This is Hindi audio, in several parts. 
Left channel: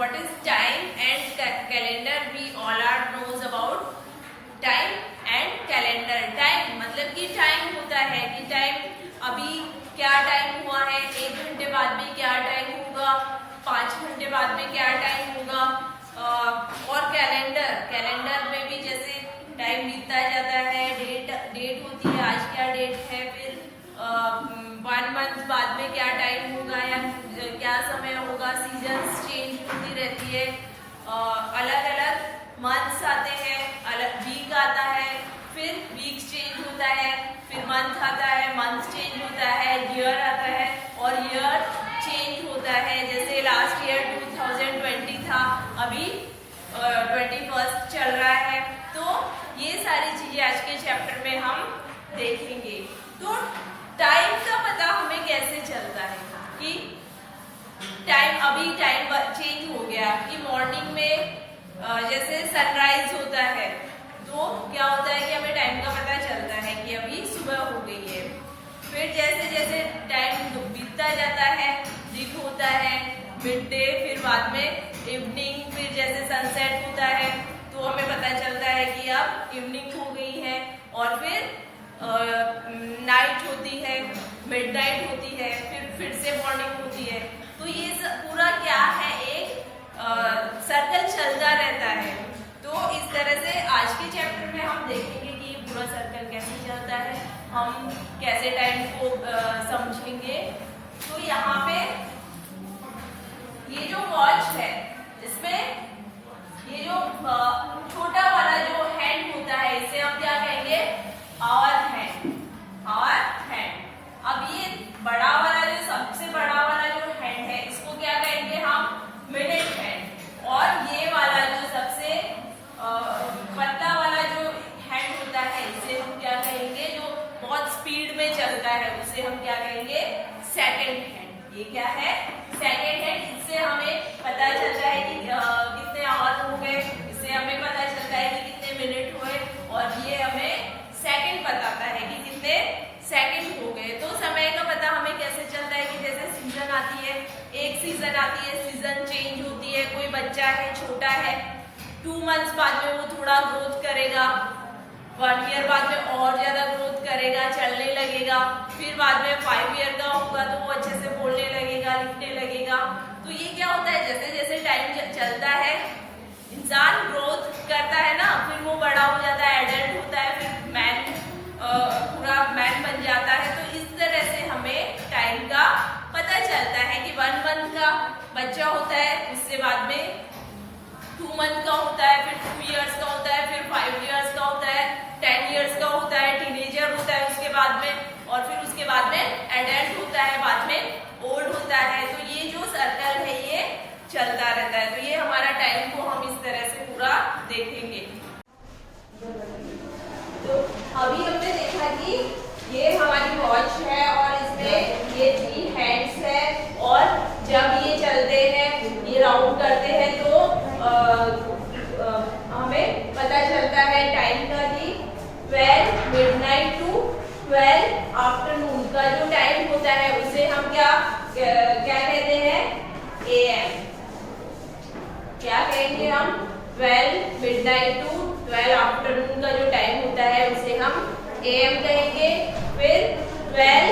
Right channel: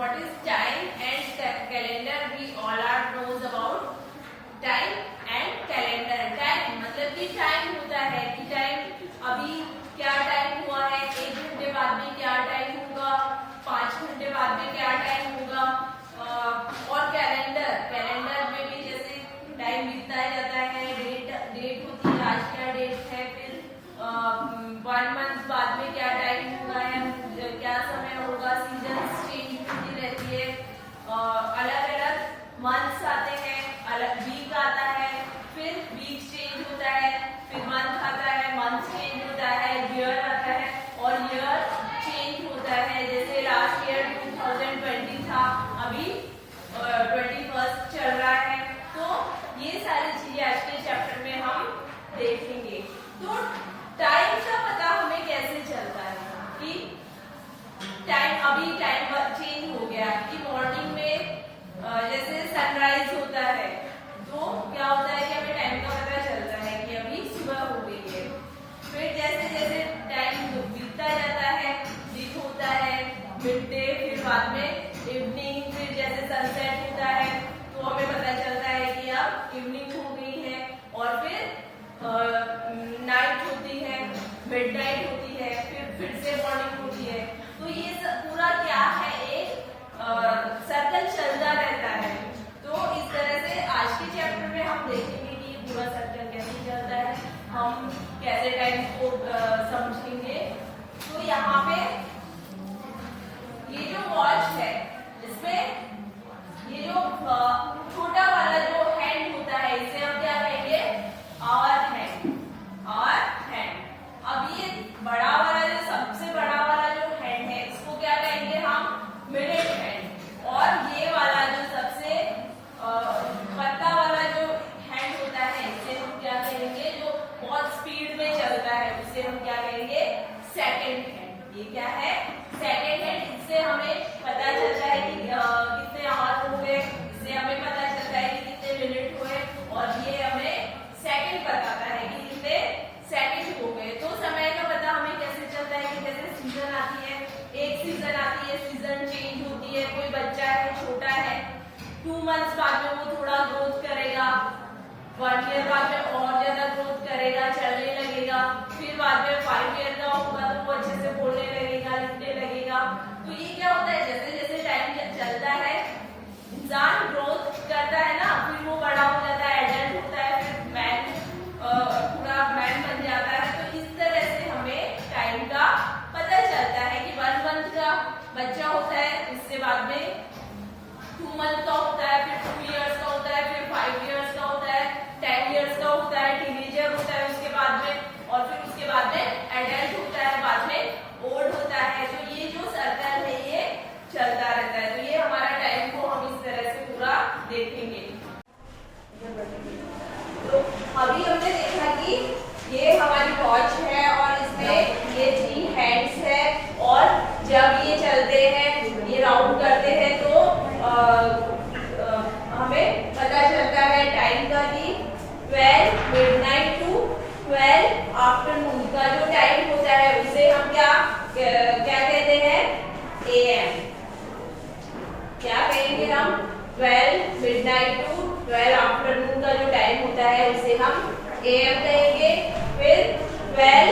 what is time and calendar? We all are knows about time and calendar. Time मतलब कि टाइम होता है कि टाइम अभी क्या टाइम हुआ है, 1 घंटे बाद में क्या टाइम होगा, 5 घंटे बाद में क्या टाइम होगा। और कैलेंडर में भी जैसे टाइम बीतता जाता है, डेट होती है, आज क्या डेट है, फिर 1 मंथ बाद में क्या टाइम होगा या क्या समय होगा। सीजन्स चेंज होती रहती है, अलग अलग मंथ्स आते हैं, अलग वीक आता है, फिर वीक चेंज होता है, फिर मंथ आता है, मंथ चेंज होता है, ईयर आता है और ईयर चेंज होता है। जैसे लास्ट ईयर 2020 था, अभी 21 चल रहा है। तो ये सारी चीजें आज के चैप्टर में हम देखेंगे। तो टाइम का पता हमें कैसे चलता है कि टाइम चेंज हो गया कि मॉर्निंग में जैसे सनराइज होता है तो क्या होता है कि हमें टाइम का पता चलता है कि अभी सुबह हो गई है। फिर जैसे जैसे टाइम बीतता जाता है, दिन होता है, मिड डे, फिर बाद में इवनिंग, फिर जैसे सनसेट होता है तो हमें पता चलता है कि अब इवनिंग हो गई है। और फिर नाइट होती है, मिडनाइट होती है, फिर से मॉर्निंग होती है। तो ये पूरा क्या है, एक सर्कल चलता रहता है। तो इस तरह से आज के चैप्टर में हम देखेंगे कि ये पूरा सर्कल कैसे चलता है, हम कैसे टाइम को समझेंगे। तो यहाँ पे ये जो वॉच है, इसमें ये जो छोटा वाला जो हैंड होता है, इसे हम क्या कहेंगे, आवर हैंड। अब ये बड़ा वाला जो सबसे बड़ा वाला जो हैंड है, इसको क्या कहेंगे हम, मिनट हैंड। और ये वाला जो सबसे पतला वाला जो हैंड होता है, इसे हम क्या कहेंगे, जो बहुत स्पीड में चलता है, उसे हम क्या कहेंगे, सेकंड हैंड। ये क्या है, सेकंड हैंड। इससे हमें पता चलता है कि कितने आवर हो गए, इससे हमें पता चलता है कि कितने मिनट हुए, और ये हमें सेकंड बताता है कि कितने सेकंड हो गए। तो समय का पता हमें कैसे चलता है कि जैसे सीजन आती है, एक सीजन आती है, सीजन चेंज होती है। कोई बच्चा है, छोटा है, 2 मंथ्स बाद में वो थोड़ा ग्रोथ करेगा, 1 ईयर बाद में और ज्यादा ग्रोथ करेगा, चलने लगेगा। फिर बाद में 5 ईयर का होगा तो वो अच्छे से बोलने लगेगा, लिखने लगेगा। तो ये क्या होता है, जैसे जैसे टाइम चलता है, इंसान ग्रोथ करता है ना, फिर वो बड़ा हो जाता है, एडल्ट होता है, फिर पूरा मैन बन जाता है। तो इस तरह से हमें टाइम का पता चलता है कि 1 मंथ का बच्चा होता है, उससे बाद में 2 मंथ का होता है, फिर 2 इयर्स का होता है, फिर 5 इयर्स का होता है, 10 इयर्स का होता है, टीनेजर होता है उसके बाद में, और फिर उसके बाद में एडल्ट होता है, बाद में ओल्ड होता है। तो ये जो सर्कल है ये चलता रहता है। तो ये हमारा टाइम को हम इस तरह से पूरा देखेंगे। तो अभी हमने देखा कि ये हमारी वॉच है और इसमें ये 3 हैंड्स है, और जब ये चलते हैं, ये राउंड करते हैं, तो हमें पता चलता है टाइम का कि 12 मिडनाइट टू 12 आफ्टरनून का जो टाइम होता है उसे हम क्या कहते हैं, AM। क्या कहेंगे हम, 12 मिडनाइट टू 12 आफ्टरनून का जो टाइम होता है उसे हम AM कहेंगे। फिर 12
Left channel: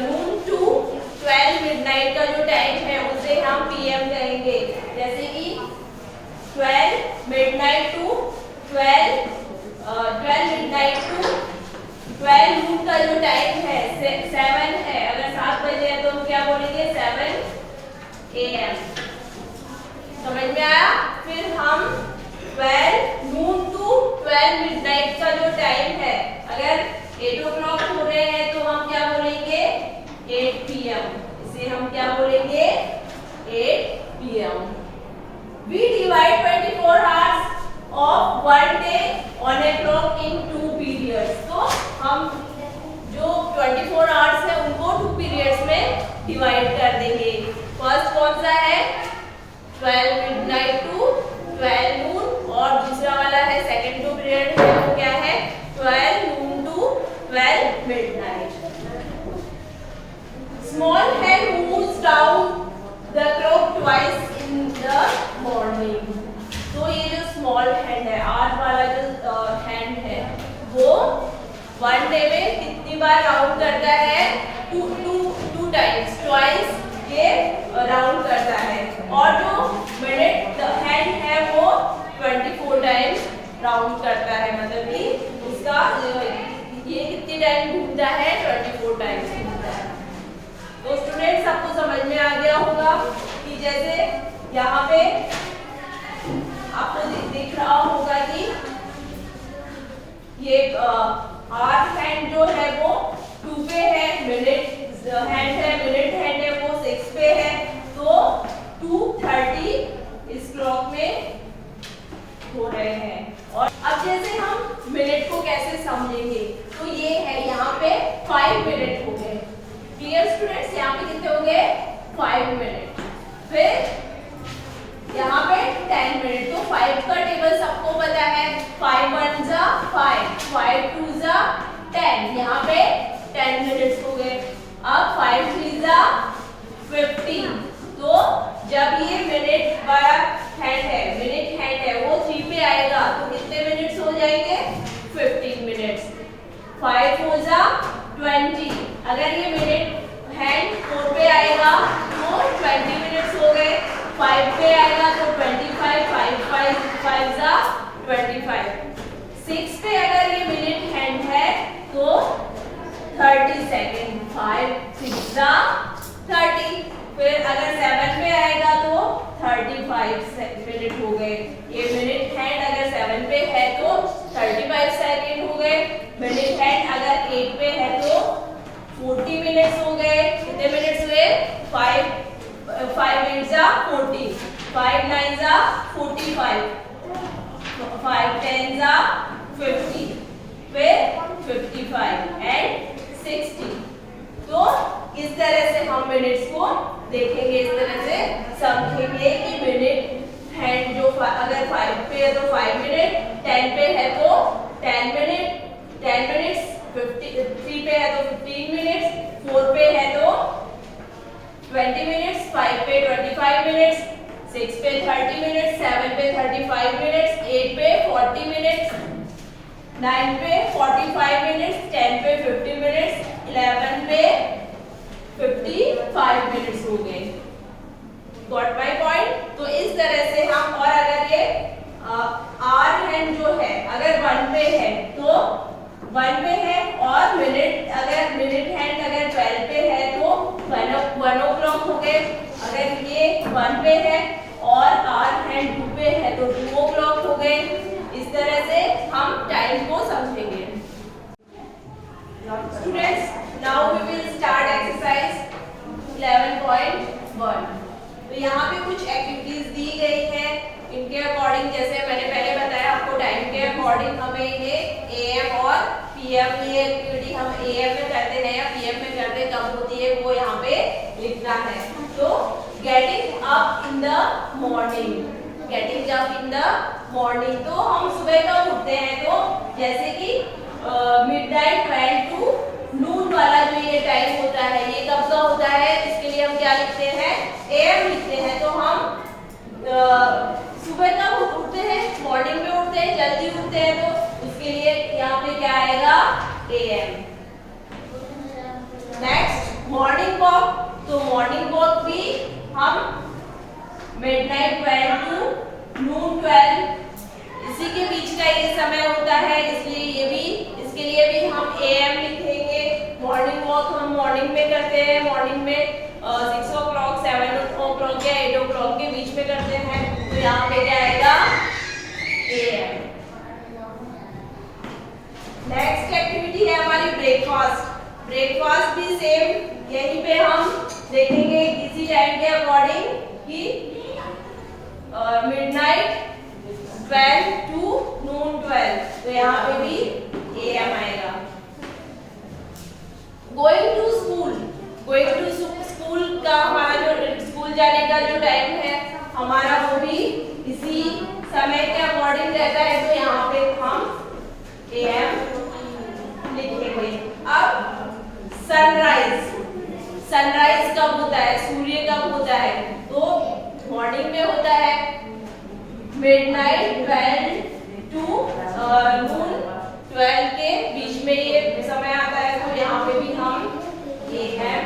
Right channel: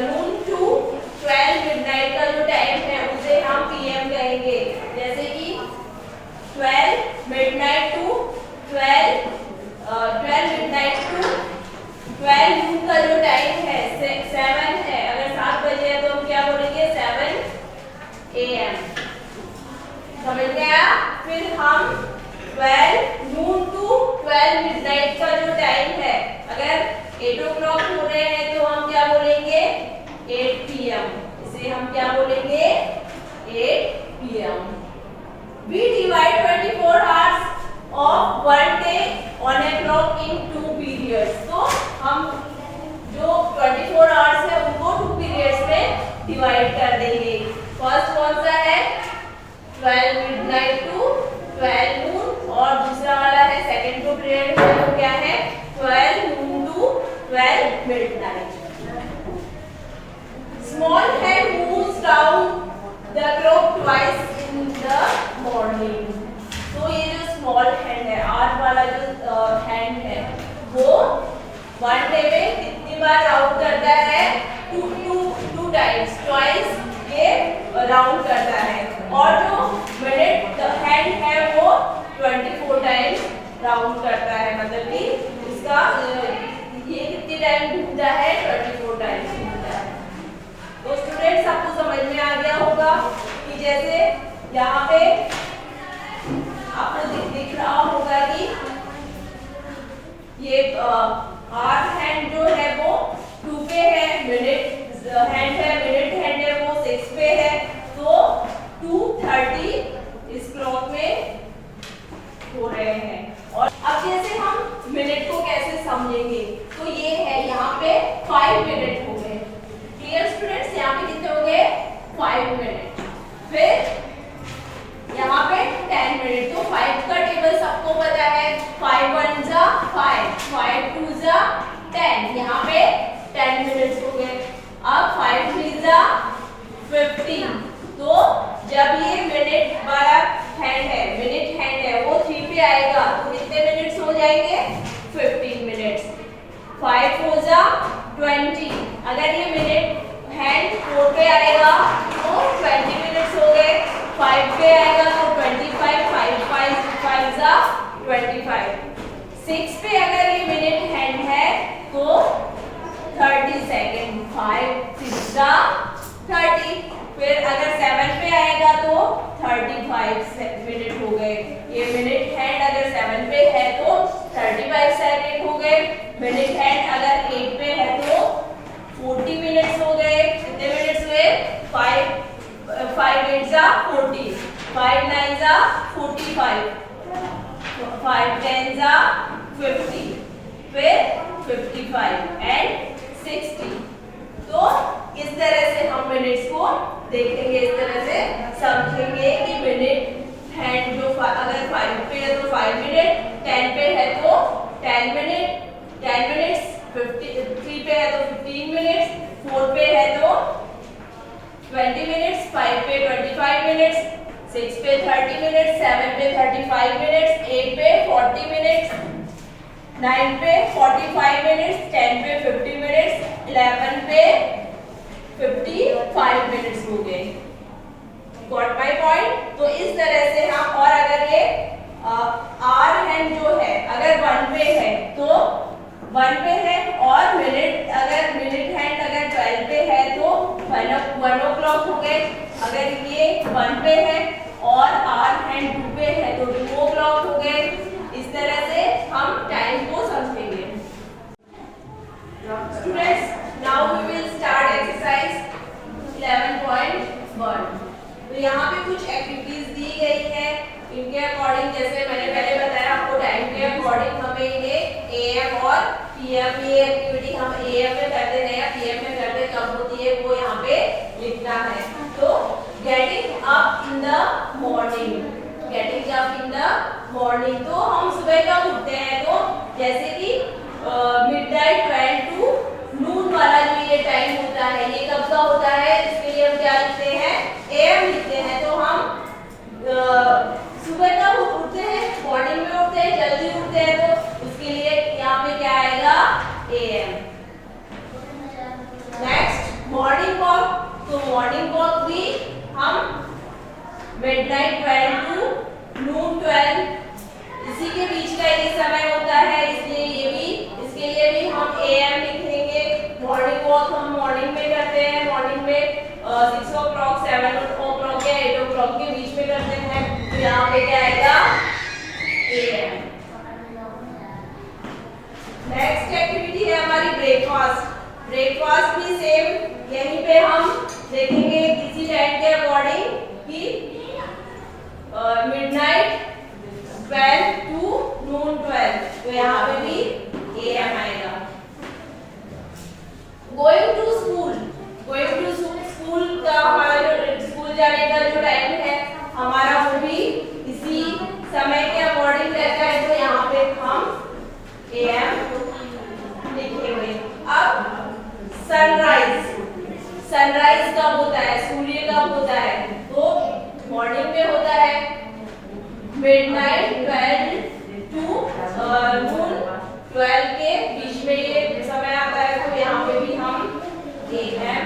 नून टू 12 मिडनाइट का जो टाइम है उसे हम PM कहेंगे। जैसे कि 12 मिडनाइट टू 12 मिडनाइट टू 12 नून का जो टाइम है 7 है। अगर 7 बजे है तो हम क्या बोलेंगे, 7 AM। समझ में आया। फिर हम 12 नून टू 12 मिडनाइट का जो टाइम है, अगर 8 o'clock हो रहे हैं तो हम क्या बोलेंगे, 8 PM। इसे हम क्या बोलेंगे, 8 PM। We divide 24 hours of one day on a clock in 2 periods. तो हम जो 24 hours है उनको 2 periods में डिवाइड कर देंगे। फर्स्ट कौन सा है, 12 midnight to 12 noon, और दूसरा वाला है सेकंड जो पीरियड है वो क्या है, 12 noon to 12 midnight। Small hand moves down the clock twice in the वो वन डे में कितनी बार राउंड करता है? टू टाइम्स, ट्वाइस ये राउंड करता है। और जो मिनट हैंड है वो 24 टाइम्स राउंड करता है, मतलब कि इसका ये कितनी टाइम घूमता है? 24 टाइम्स घूमता है। तो स्टूडेंट्स आपको समझ में आ गया होगा कि जैसे यहाँ पे आपको दिख रहा होगा कि ये आर्म हैंड जो है वो 2 पे है, मिनट हैंड है, मिनट हैंड है वो 6 पे है, तो 2:30 इस क्लॉक में हो रहे हैं। और अब जैसे हम मिनट को कैसे समझेंगे, तो ये है यहाँ पे 5 मिनट हो गए। Clear students? यहाँ पे कितने हो गए? 5 मिनट। फिर यहाँ पे 10 मिनट। तो 5 का टेबल सबको पता है, 5 1 जा 5, 5 2 जा 10, यहाँ पे 10 मिनट्स हो गए। अब 5 3 जा 15। तो जब ये मिनट वाला हैंड है, मिनट हैंड है, वो 3 पे आएगा तो कितने मिनट्स हो जाएंगे? 15 मिनट्स। 5 4 जा 20। अगर ये मिनट हैंड 4 पे आएगा तो 20 मिनट्स हो गए। 5 पे आएगा तो 25, 5 जा 25। 6 पे अगर ये मिनट हैंड है तो 30 सेकेंड, 5 6 जा 30। फिर अगर 7 पे आएगा तो 35 मिनट हो गए। ये मिनट हैंड अगर 7 पे है तो 35 सेकेंड हो गए। मिनट हैंड अगर 8 पे है तो 40 मिनट्स हो गए। कितने मिनट्स हुए? 5 8 जा 40, 5 9 जा 45, 5 10 जा 50, फिर 55 एंड 60। तो इस तरह से हम मिनट्स को देखेंगे, इस तरह से समझेंगे कि मिनट हैंड जो अगर 5 पे है तो 5 मिनट, 10 पे है तो 10 मिनट, 10 मिनट्स, 3 पे है तो 15 मिनट्स, 4 पे है तो 20 मिनट्स, 5 पे 25 मिनट्स, 6 पे 30 मिनट्स, 7 पे 35 मिनट्स, 8 पे 40 मिनट्स, 9 पे 45 मिनट्स, 10 पे 50 मिनट्स, 11 पे 55 मिनट्स हो गए। Got my point? तो इस तरह से हम, और अगर ये आर हैंड जो है अगर 1 पे है तो 1 पे है, और मिनट अगर मिनट हैंड अगर 12 पे है तो 1 o'clock हो गए। अगर ये 1 पे है और आर हैंड 2 पे है तो 2 o'clock हो गए। इस तरह से हम टाइम को समझेंगे। Students, now we will start exercise 11.1। तो यहाँ पे कुछ एक्टिविटीज दी गई है, इनके अकॉर्डिंग जैसे मैंने पहले बताया आपको टाइम के अकॉर्डिंग हमें ये AM और PM, ये एक्टिविटी हम AM में करते हैं या PM में करते हैं, कब होती है वो यहाँ पे लिखना है। तो getting up in the morning, getting up in the morning, तो हम सुबह कब उठते हैं? तो जैसे कि मिडनाइट 12 टू नून वाला जो ये टाइम होता है, ये कब का होता है? इसके लिए हम क्या लिखते हैं? AM लिखते हैं। तो हम सुबह कब उठते हैं? मॉर्निंग में उठते हैं, जल्दी उठते हैं, तो उसके लिए यहाँ पे क्या आएगा? AM। नेक्स्ट मॉर्निंग वॉक, तो मॉर्निंग वॉक भी हम मिडनाइट 12 टू नून 12 इसी के बीच का ये समय होता है, इसलिए ये भी, इसके लिए भी हम AM लिखेंगे। मॉर्निंग वॉक हम मॉर्निंग में करते हैं, मॉर्निंग में 6 o'clock 7 o'clock या 8 o'clock के बीच में करते हैं, तो यहाँ पे क्या आएगा? AM। नेक्स्ट एक्टिविटी है हमारी ब्रेकफास्ट। ब्रेकफास्ट भी सेम यहीं पे हम देखेंगे इसी टाइम के अकॉर्डिंग कि मिडनाइट 12 टू नून 12, तो यहाँ पे भी AM आएगा। Going to school, going to school का हमारा जो स्कूल जाने का जो टाइम है हमारा वो भी इसी समय के अकॉर्डिंग रहता है, तो यहाँ पे हम AM लिखेंगे। अब सनराइज, सनराइज कब होता है? सूर्य कब होता है? तो मॉर्निंग में होता है, मिडनाइट 12 टू नून 12 के बीच में ये समय आता है, तो यहाँ पे भी हम AM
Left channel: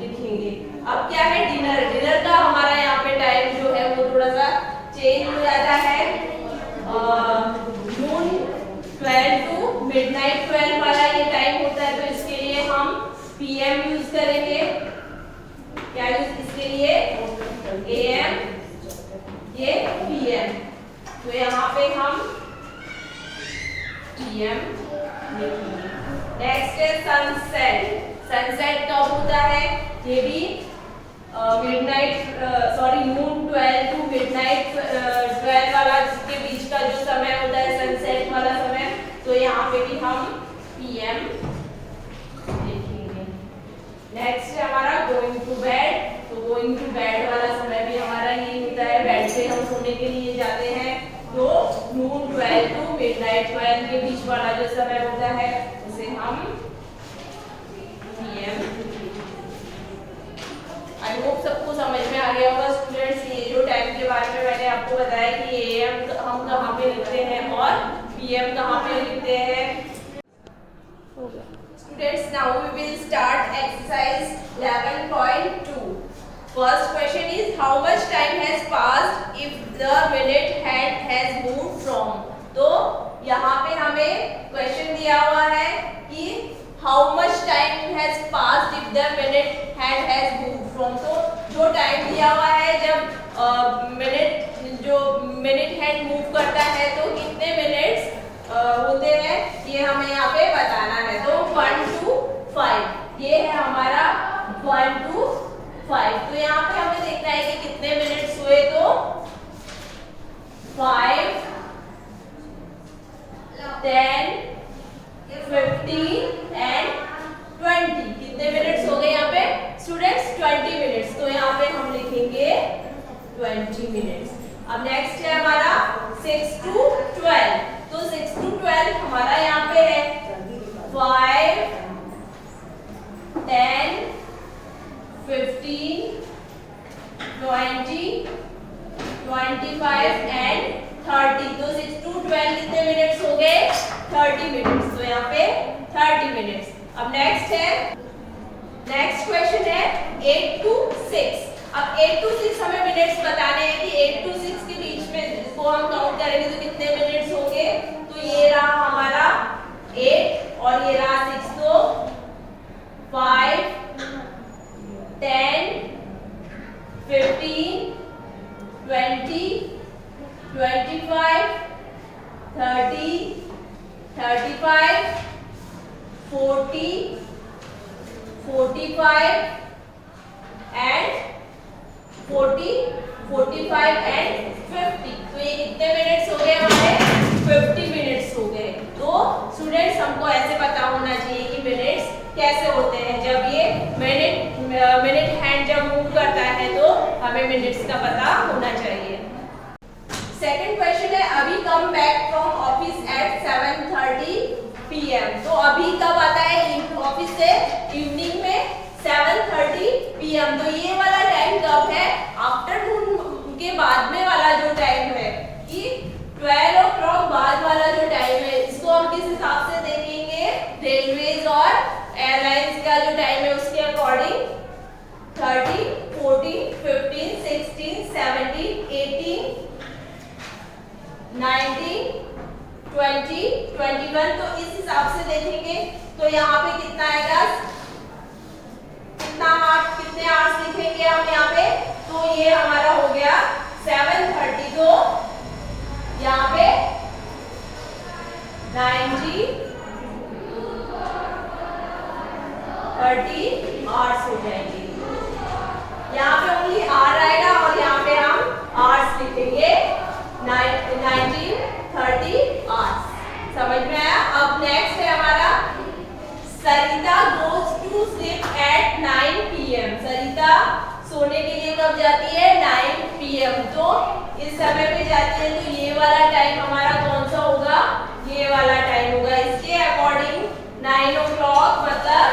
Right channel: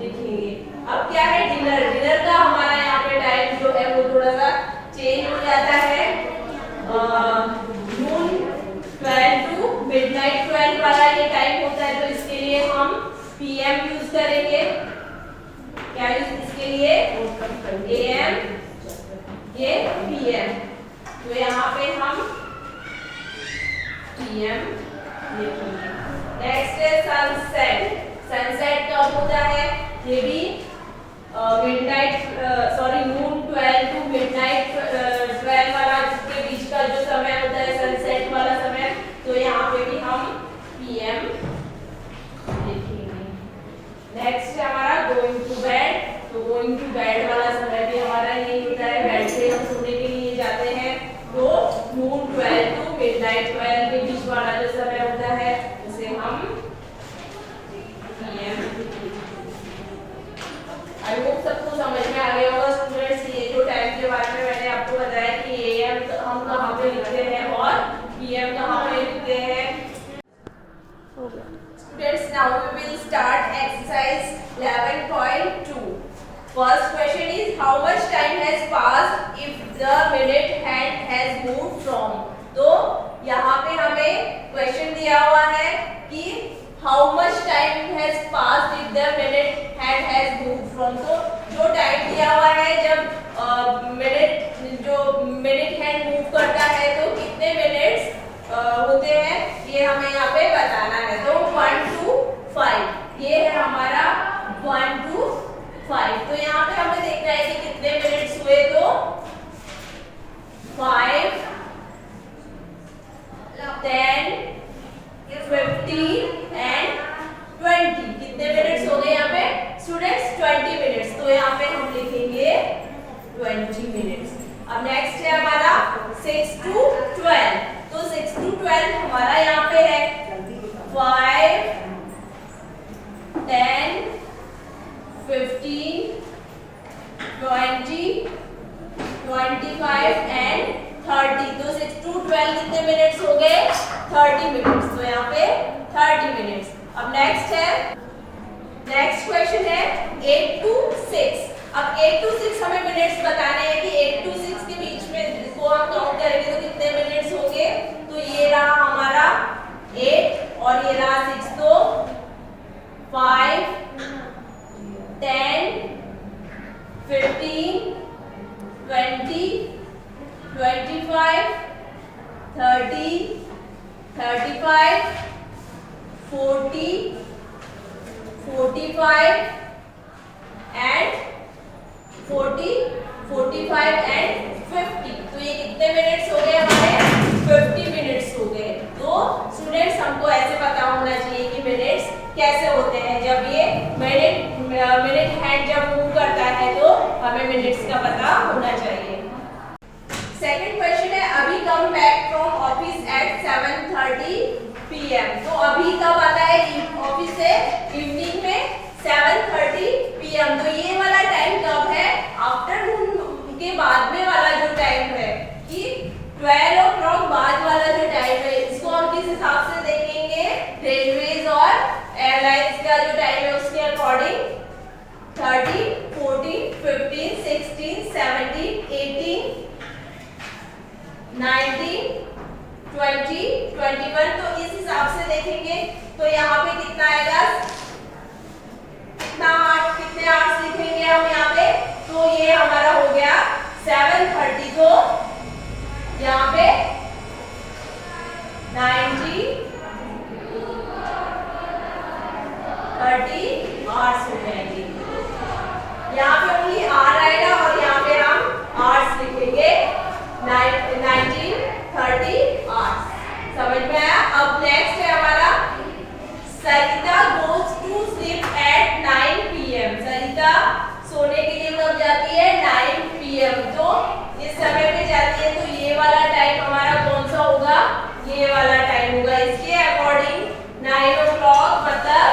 लिखेंगे। अब क्या है, डिनर। डिनर का हमारा यहाँ पे टाइम जो है वो थोड़ा सा चेंज हो जाता है। नून 12 टू मिडनाइट 12 वाला ये टाइम होता है, तो इसके लिए हम PM यूज करेंगे। क्या यूज इसके लिए, AM, ये PM। तो यहाँ पे हम PM लिखेंगे। नेक्स्ट है सनसेट। सनसेट कब होता है, ये भी नून 12 टू मिडनाइट 12 वाला, जिसके बीच का जो समय होता है सनसेट वाला समय, तो यहाँ पे भी हम PM लिखेंगे। नेक्स्ट है हमारा गोइंग टू बेड। तो गोइंग टू बेड वाला समय भी हमारा यही होता है, बेड पे हम सोने के लिए जाते हैं, तो नून 12 टू मिडनाइट 12 के बीच वाला जो समय होता है उसे हम PM। आई होप सबको समझ में आ गया होगा स्टूडेंट्स। ये जो टाइम के बारे में मैंने आपको बताया कि AM हम कहाँ पे लिखते हैं और PM कहाँ पे लिखते हैं। हो गया students, now we will start exercise 11.2। First question is how much time has passed if the minute hand has moved from. तो यहाँ पे हमें क्वेश्चन दिया हुआ है कि how much time has passed if the minute hand has moved from. तो जो टाइम दिया हुआ है जब मिनट हैंड मूव करता है तो कितने मिनट्स होते हैं, ये हमें यहाँ पे बताना है। तो 1 to 5 ये है हमारा 1 to 5। तो यहाँ पे हमें देखना है कि कितने मिनट्स हुए, तो 5, 10, 15 एंड 20। कितने मिनट्स हो गए यहाँ पे स्टूडेंट्स, 20 मिनट्स। तो यहाँ पे हम लिखेंगे 20 मिनट्स। अब नेक्स्ट है हमारा 6 to 12। तो 6 to 12 हमारा यहाँ पे है 5, 10, 15, 20, 25 एंड 30। तो 6 to 12 कितने मिनट्स हो गए, 30 मिनट्स। तो यहाँ पे 30 मिनट्स। अब नेक्स्ट क्वेश्चन है 8 to 6। अब 8 to 6 हमें मिनट्स बताने हैं कि 8 to 6 के बीच में इसको हम काउंट करेंगे तो कितने मिनट्स होंगे। तो ये रहा हमारा 8 और ये रहा 6, तो 5, 10, 15, 20, 25, 30, 35, 40, 45 एंड 40, 45 एंड 50। तो ये कितने मिनट्स हो गए हमारे, 50 मिनट्स हो गए। तो स्टूडेंट्स हमको ऐसे पता होना चाहिए कि मिनट्स कैसे होते हैं। जब ये मिनट हैंड जब मूव करता है तो हमें मिनट्स का पता होना चाहिए। सेकंड क्वेश्चन है अभी come back from office at 7:30 PM। तो अभी कब आता है ऑफिस से, इवनिंग में 7:30 PM। तो ये वाला टाइम कब है, आफ्टरनून के बाद में वाला जो टाइम है, कि 12 o'clock बाद वाला जो टाइम है, इसको हम किस हिसाब से देखेंगे, रेलवेज और एयरलाइंस का जो टाइम है उसके अकॉर्डिंग 30, 40, 15, 16, 17, 18, 19, 20, 21। तो इस हिसाब से देखेंगे तो यहाँ पे कितना आएगा, कितने आवर्स लिखेंगे हम यहाँ पे। तो ये हमारा हो गया 7:30। तो यहाँ पे 90, 30 आवर्स हो जाएंगे। यहाँ पे ओनली आर आएगा और यहाँ पे हम आवर्स लिखेंगे 90, 30 आवर्स। समझ में आया। अब नेक्स्ट है हमारा Sarita goes to sleep at 9 PM। Sarita सोने के लिए कब जाती है, 9 PM। तो इस समय पे जाती है, तो ये वाला टाइम हमारा कौन सा होगा, ये वाला टाइम होगा। इसके अकॉर्डिंग 9 o'clock मतलब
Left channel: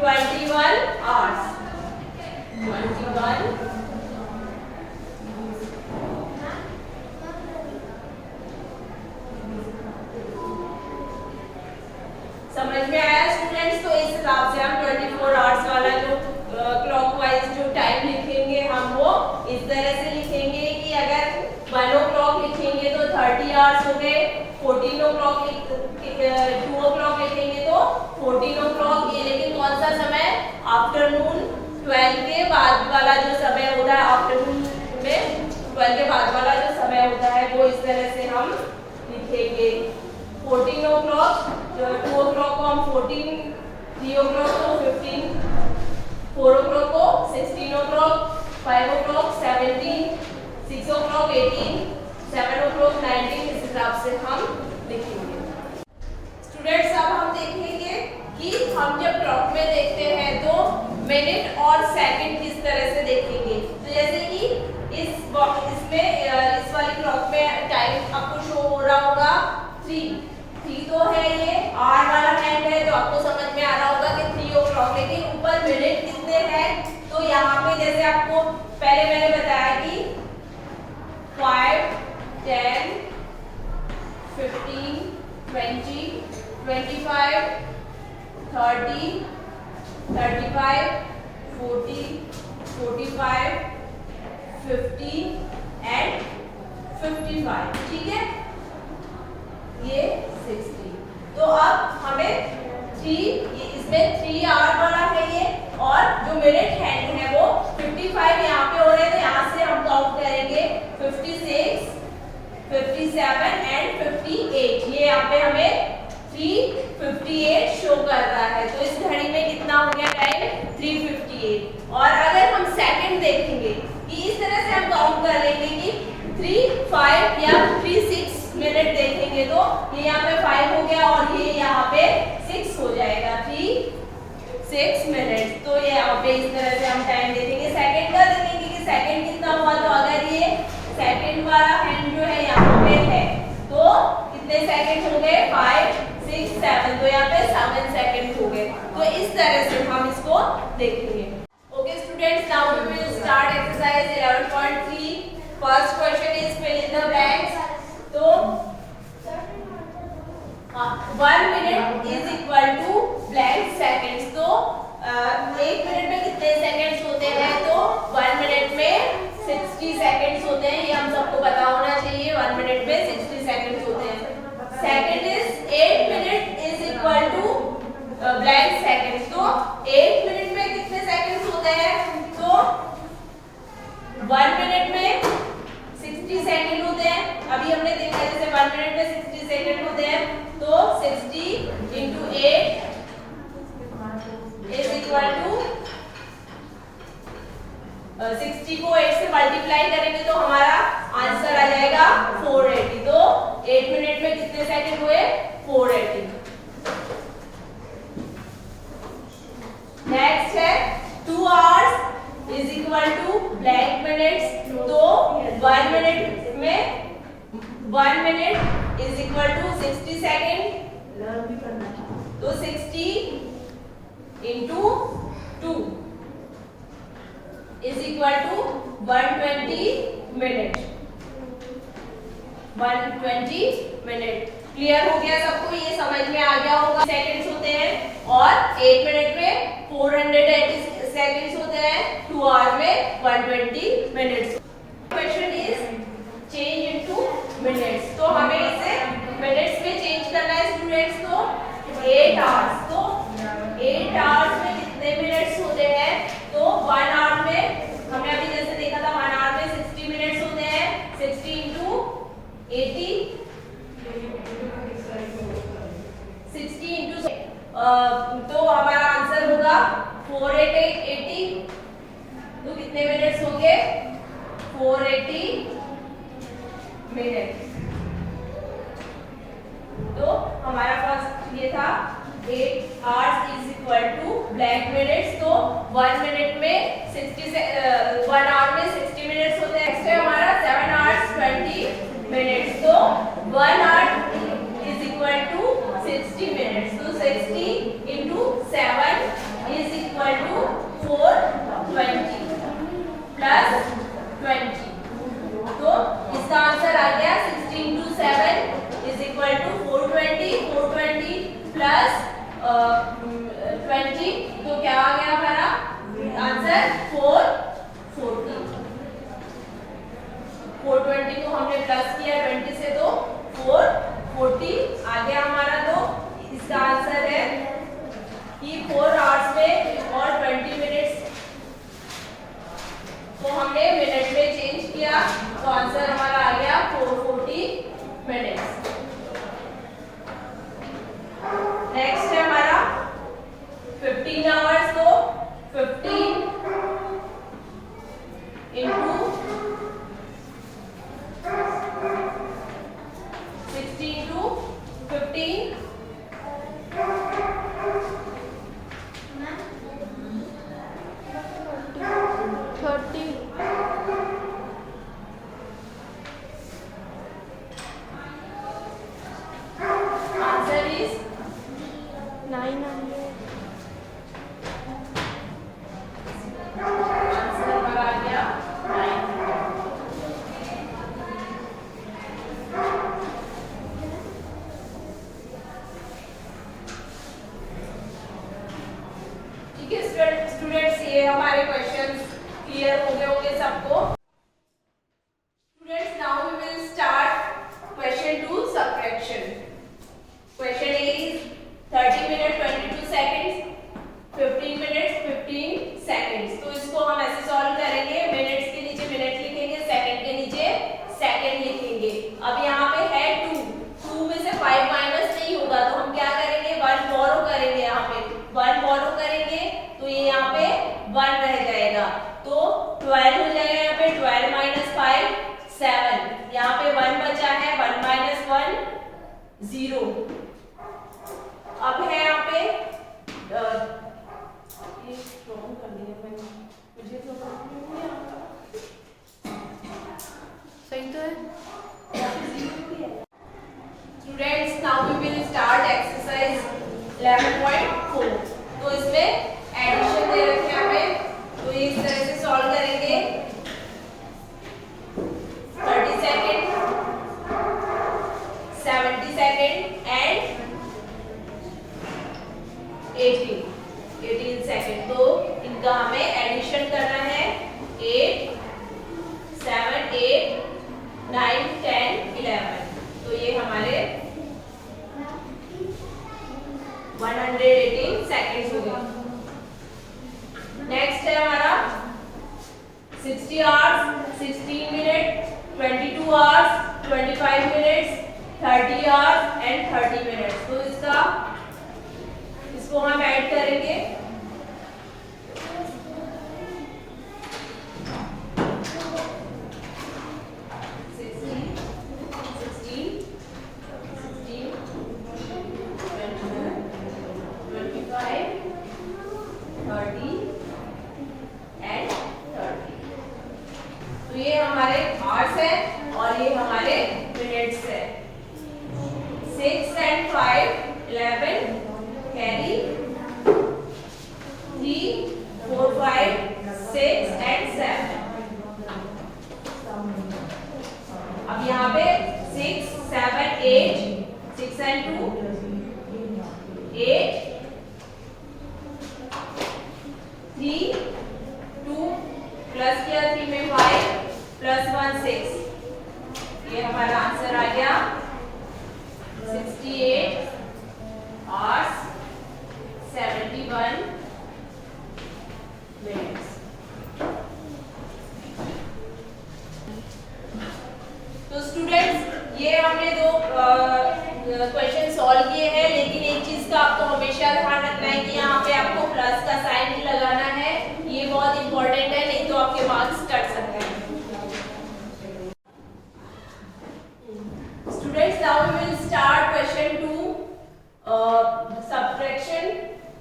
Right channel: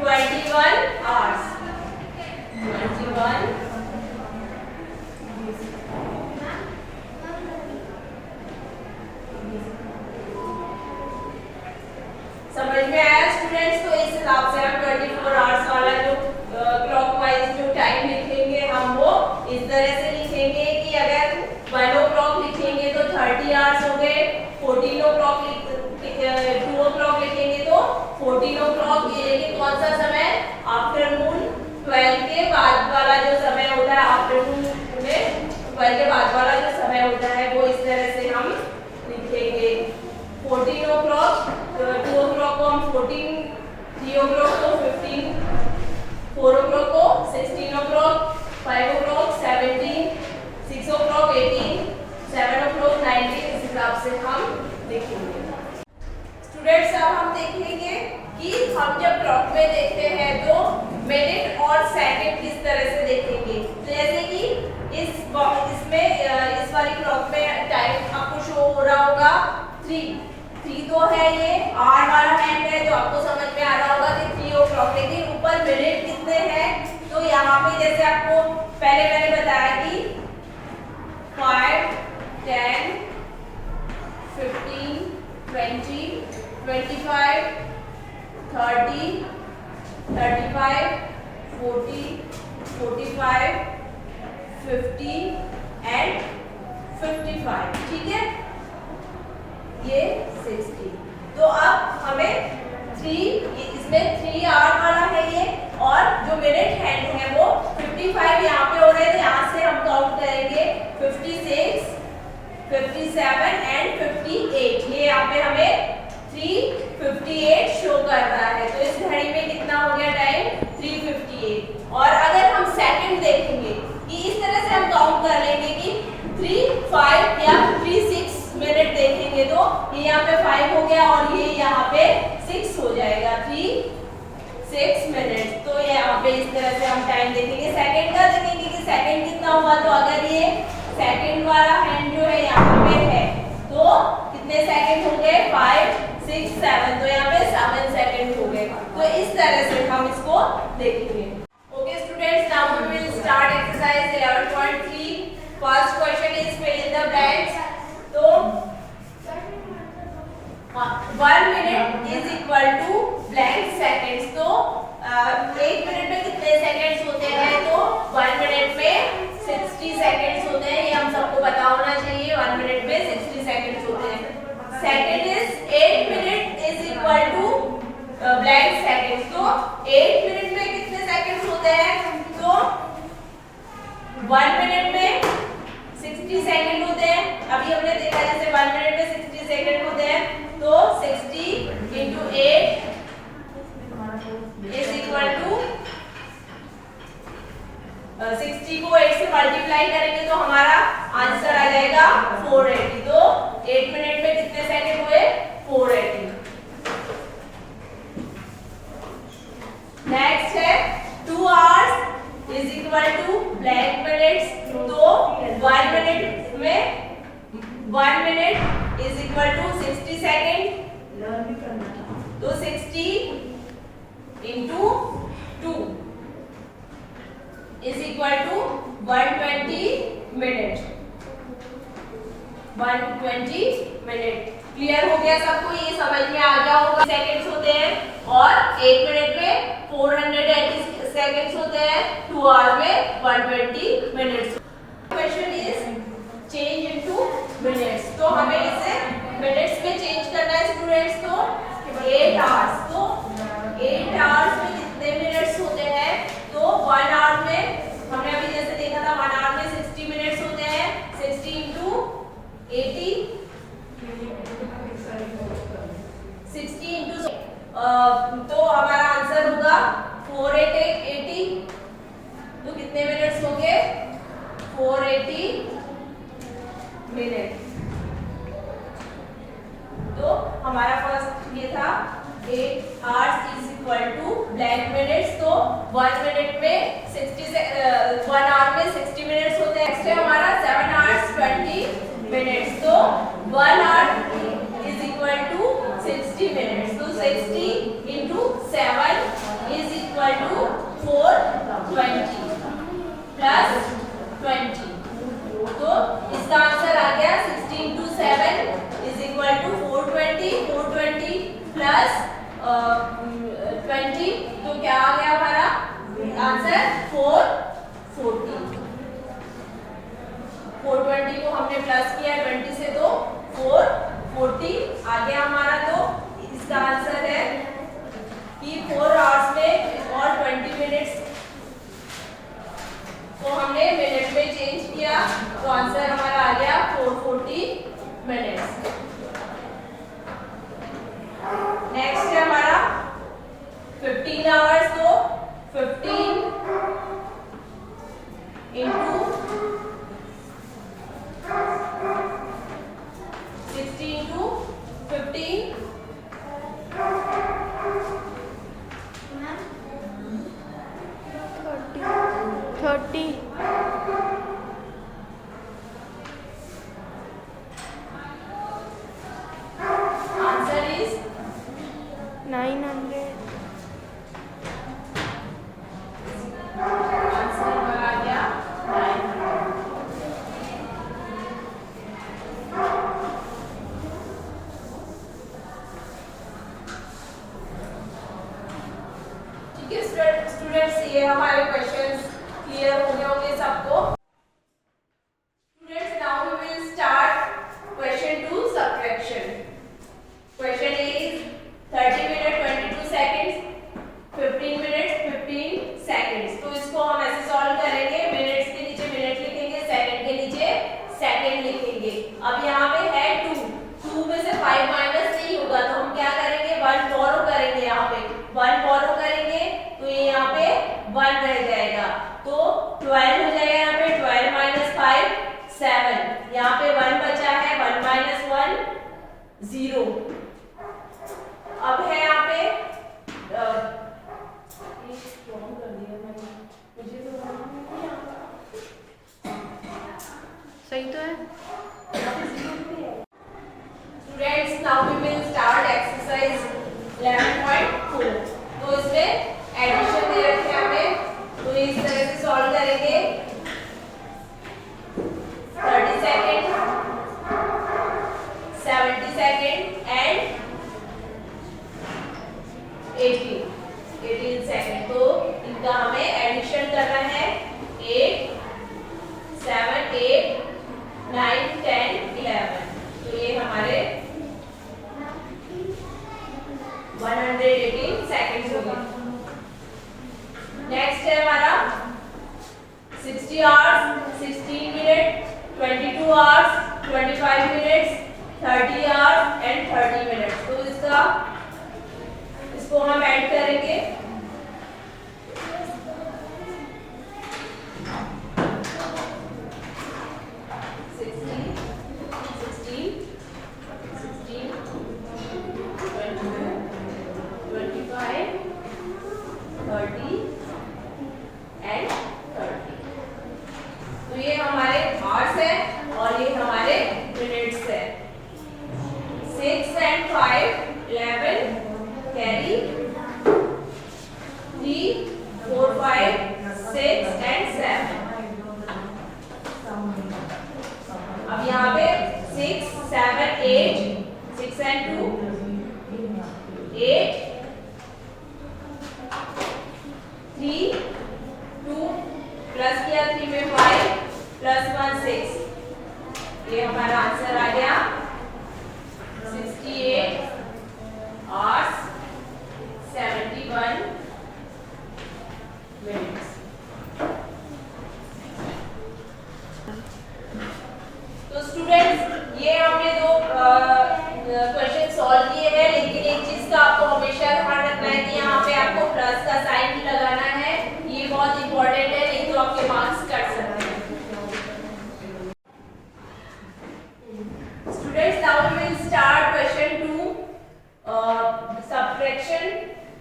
21 आवर्स। 21 21 हिसाब से हम 24 आवर्स वाला जो क्लॉकवाइज जो टाइम लिखेंगे हम वो इस तरह से लिखेंगे कि अगर 1 o'clock लिखेंगे तो 30 आवर्स हो गए, 14 o'clock 2 o'clock लिखेंगे तो 14 o'clock। ये लेकिन कौन सा समय, आफ्टरनून 12 के बाद वाला जो समय होता है, आफ्टरनून में 12 के बाद वाला जो समय होता है वो इस तरह से हम लिखेंगे। 14 o'clock 2 o'clock को हम 14, 3 o'clock को 15, 4 o'clock को 16 o'clock, 5 o'clock 17, 6 o'clock 18, 7 o'clock 19, इस हिसाब से हम लिखेंगे। स्टूडेंट्स अब हम देखेंगे कि हम जब क्लॉक में देखते हैं तो मिनट और सेकंड किस तरह से देखेंगे। तो जैसे कि इसमें इस वाली क्लॉक में टाइम आपको शो हो रहा होगा 3 तो है, ये आर वाला हैंड है तो आपको समझ में आ रहा होगा कि 3 o'clock, लेकिन ऊपर मिनट कितने हैं तो यहाँ पे जैसे आपको पहले मैंने बताया कि 5, 10, 15, 20, 25, 30, 35, 40, 45, 50 एंड 55, ठीक है, ये 60। तो अब हमें 3, इसमें 3 आवर वाला है ये, और जो मिनट हैंड है वो 55 यहाँ पे हो रहे हैं, यहाँ से हम काउंट करेंगे 56, 57 एंड 58। ये यहाँ पे हमें 3:58 शो कर रहा है। तो इस घड़ी में कितना हो गया टाइम, 3:58। और अगर हम सेकंड देखेंगे कि इस तरह से हम काउंट कर लेंगे कि 3, 5 या 3, 6 मिनट देखेंगे तो ये यहाँ पे 5 हो गया और ये यहाँ पे 6 हो जाएगा, 3, 6 मिनट। तो ये यहाँ पे इस तरह से हम टाइम देखेंगे। सेकंड का देखेंगे कि सेकंड कितना हुआ, तो अगर ये सेकंड वाला हैंड जो है यहाँ पे है तो कितने सेकंड हो गए, 5, 6, 7, तो यहाँ पे 7 सेकंड हो गए। तो इस तरह से हम इसको देखेंगे। Okay students, now we will start exercise 11.3। First question is fill in the blanks. तो 1 minute is equal to blank seconds. तो 1 मिनट में कितने सेकंड्स होते हैं, तो 1 मिनट में 60 सेकंड्स होते हैं, ये हम सबको पता होना चाहिए। 1 मिनट में 60 सेकंड्स होते हैं। Second is 8 minute is equal to blank seconds. तो 8 मिनट में कितने सेकंड्स होते हैं, तो 1 मिनट में 60 सेकंड होते हैं। अभी हमने देखा जैसे 1 मिनट में 60 सेकंड होते हैं, तो 60 into 8 इज इक्वल टू 60 को 8 से मल्टीप्लाई करेंगे तो हमारा आंसर आ जाएगा 480। तो 8 मिनट में कितने सेकंड हुए, 480। नेक्स्ट है 2 hours is equal to blank minutes. तो 1 मिनट में 1 minute is equal to 60 second. तो 60 into 2 is equal to 120 minute. 120 minute. Clear हो गया सबको, ये समझ में आ गया होगा। सेकंड्स होते हैं और 1 मिनट में 480 सेकंड्स होते हैं, 2 आवर में 120 minutes. Question is change into minutes. तो हमें इसे मिनट्स में चेंज करना है स्टूडेंट्स। तो 8 आवर्स, तो 8 आवर्स में कितने मिनट्स होते हैं, तो 1 आवर में हमने अभी जैसे देखा था 1 आवर में 60 मिनट्स होते हैं। 60 into 80, 60 into तो हमारा आंसर होगा 480। तो कितने मिनट्स होंगे, 480 मिनट। तो हमारा फर्स्ट ये था 8 hours is equal to blank minutes. तो 1 मिनट में 1 आवर में 60 मिनट्स होते हैं। नेक्स्ट है हमारा 7 आवर्स 20 मिनट्स। तो 1 hour is equal to 60 minutes. तो 60 into 7 is equal to 420 plus 20। तो इसका आंसर आ गया 60 into 7 is equal to 420। 420 plus 20 420 को हमने प्लस किया 20 से तो 440 आ गया हमारा। तो इसका आंसर है कि 4 आवर्स में और 20 मिनट्स को हमने मिनट में चेंज किया, तो आंसर हमारा आ गया 440 मिनट्स। नेक्स्ट है हमारा 15 आवर्स, तो 15 into 16 to 15 30 answer is 900 answer हमारा आ गया 900। ठीक है स्टूडेंट्स, ये हमारे क्वेश्चंस क्लियर हो गए होंगे सबको। Students, now we will start question 2 subtraction. Question A is 30 minute 22 seconds, 15 minutes 15 seconds. तो इसको हम ऐसे सॉल्व करेंगे, मिनट्स के नीचे मिनट लिखेंगे, सेकंड के नीचे सेकंड लिखेंगे। अब यहाँ पे है 2 में से 5 माइनस नहीं होगा, तो हम क्या करेंगे 1 बोरो करेंगे। यहाँ पे 1 बोरो करेंगे तो ये यहाँ पे 1 रह जाएगा, तो 12 हो जाएगा। यहाँ पे 12 माइनस 5 7, यहाँ पे 1 बचा है, 1 माइनस 1 0। अब है यहाँ पे कर दिया मैंने, मुझे तो सही तो है। Students, now we will start exercise 11.4। तो इसमें एडिशन दे रखे हैं हमें, तो इस तरह से सॉल्व करेंगे। 30 सेकेंड, 70 सेकेंड एंड 18 सेकेंड। तो इनका हमें एडिशन करना है। 8 7 8 9 10 11, तो ये हमारे 118 सेकेंड्स हो गए। नेक्स्ट है हमारा 60 hours 16 minute, 22 hours 25 minutes, 30 hours and 30 minutes. तो इसको हम ऐड करेंगे। तो ये हमारे आवर्स है और ये हमारे मिनट्स है। 6 and 5 11 कैरी, 3 4 5 6 and 7। अब यहाँ पे 6 7 8 6 and 2 8 3 2 प्लस किया 3 में 5 प्लस 1 6। ये हमारा आंसर आ गया 68 आवर्स 71 मिनट्स। तो स्टूडेंट्स, ये हमने दो क्वेश्चन सॉल्व किए हैं, लेकिन एक चीज का आपको हमेशा ध्यान रखना है कि यहाँ पे आपको प्लस का साइन लगाना है। ये बहुत इंपॉर्टेंट है, नहीं तो आपके मार्क्स कट सकते हैं। Students, now we will start question 2 subtraction.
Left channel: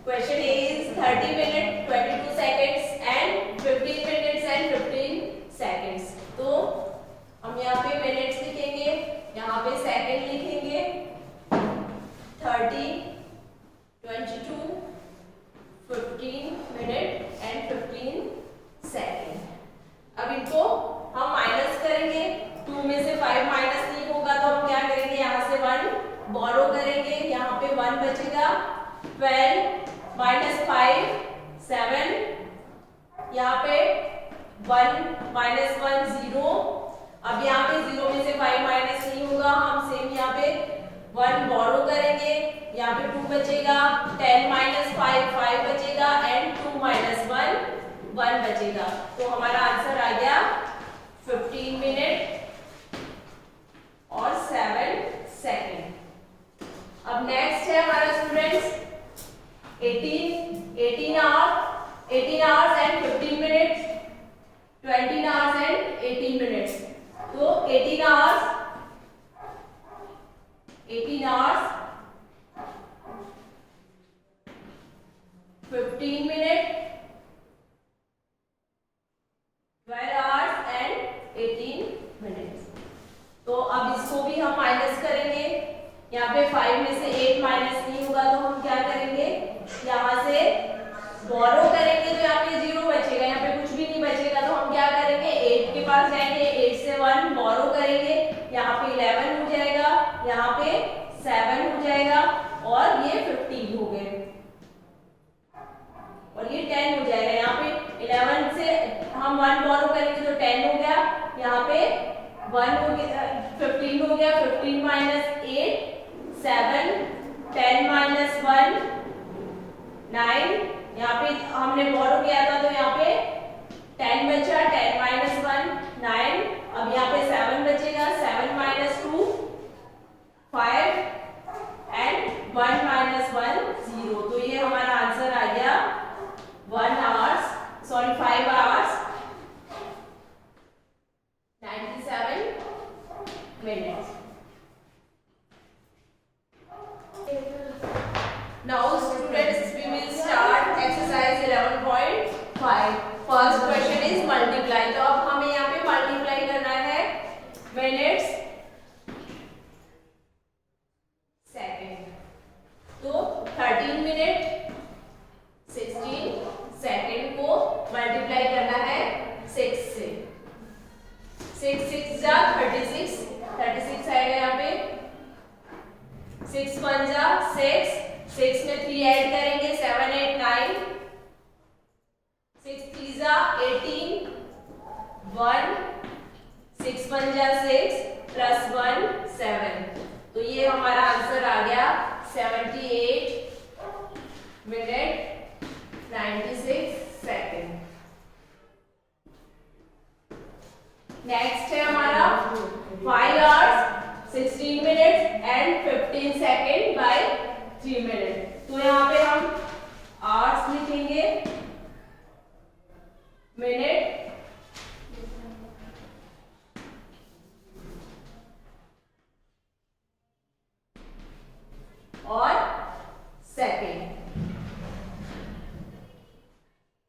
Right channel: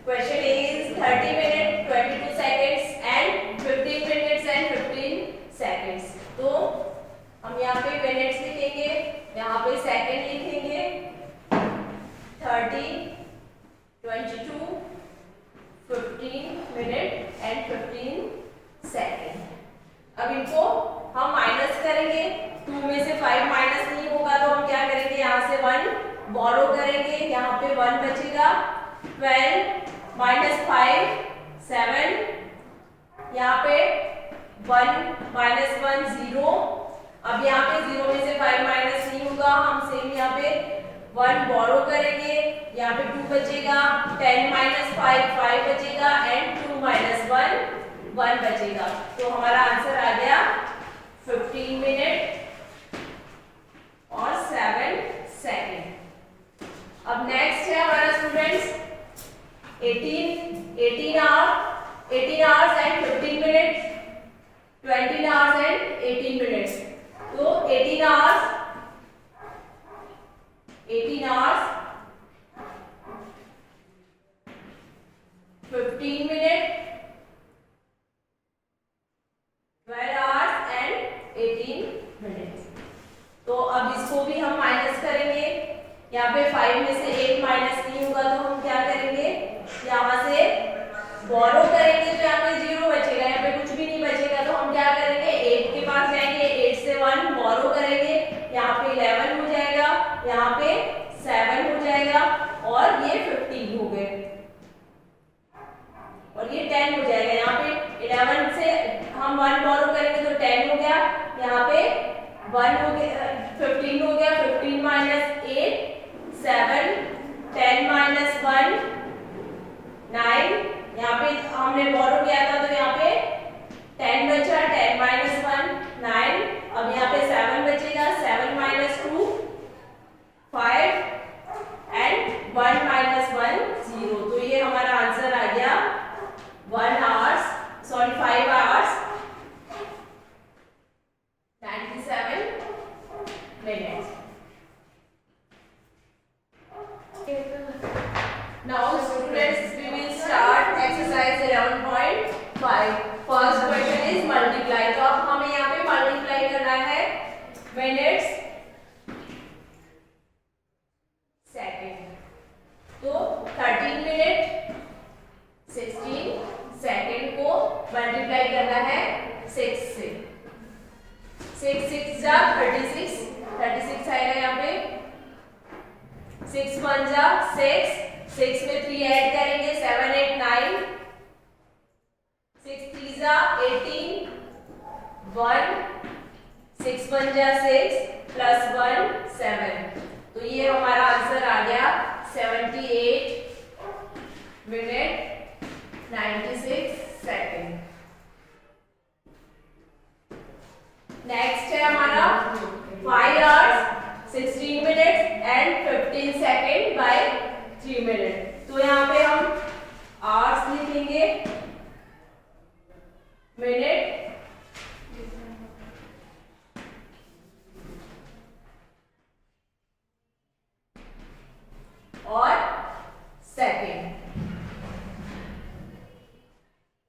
Question A is 30 minute 22 seconds and 15 minutes and 15 seconds. तो हम यहाँ पे मिनट्स लिखेंगे, यहाँ पे सेकंड लिखेंगे। 30 22 15 मिनट एंड 15 सेकंड। अब इनको हम माइनस करेंगे। 2 में से 5 माइनस नहीं होगा, तो हम क्या करेंगे, यहाँ से 1 बोरो करेंगे, यहाँ पे 1 बचेगा। 12 माइनस 5 7, यहाँ पे 1 माइनस 1 0। अब यहाँ 1 बचेगा। तो हमारा आंसर आ गया 15 मिनट और 7 सेकेंड। अब नेक्स्ट है हमारा students 18 hours and 15 minutes, 20 hours and 18 minutes. तो 18 hours 15 minute, 12 hours and 18 minutes. तो अब इसको भी हम माइनस करेंगे। यहाँ पे 5 में से 8 माइनस नहीं होगा तो हम क्या करेंगे, यहाँ से बोरो करेंगे तो यहाँ पे 0 बचेगा, यहाँ पे कुछ भी नहीं बचेगा। तो हम क्या करेंगे, 8 के पास जाएंगे, 8 से 1 बोरो करेंगे, यहाँ पे 11 हो जाएगा, यहाँ पे 7 हो जाएगा और ये 15 हो गए और ये 10 हो जाएगा। यहाँ पे 11 से हम 1 बोरो करेंगे तो 10 हो गया, यहाँ पे 1 हो गया, 15 हो गया, 15 माइनस 8 7, 10 माइनस 1 9, यहाँ पे हमने बोरो किया था तो यहाँ पे 10 बचा, 10 माइनस 1 9, अब यहाँ पे 7 बचेगा, 7 माइनस 2 5 एंड 1 माइनस 1 0। तो ये हमारा आंसर आ गया 5 hours 97 minutes. Now students, we will start exercise 11.5. First question is multiply. तो अब हमें यहाँ पे multiply करना है minutes second. तो 13 मिनट 16 सेकेंड को मल्टीप्लाई करना है 6 से। 6 6 जा 36, 36 आएगा यहाँ पे, 6 1 जा 6, 6 में 3 ऐड करेंगे 7 8 9, 6 3 जा 18 1, 6 1 जा 6 प्लस 1 7। तो ये हमारा आंसर आ गया 78 मिनट 96 सेकेंड। नेक्स्ट है हमारा 5 hours 16 minute and 15 second by 3 minute. तो यहाँ पे हम आवर्स लिखेंगे, मिनट और सेकेंड।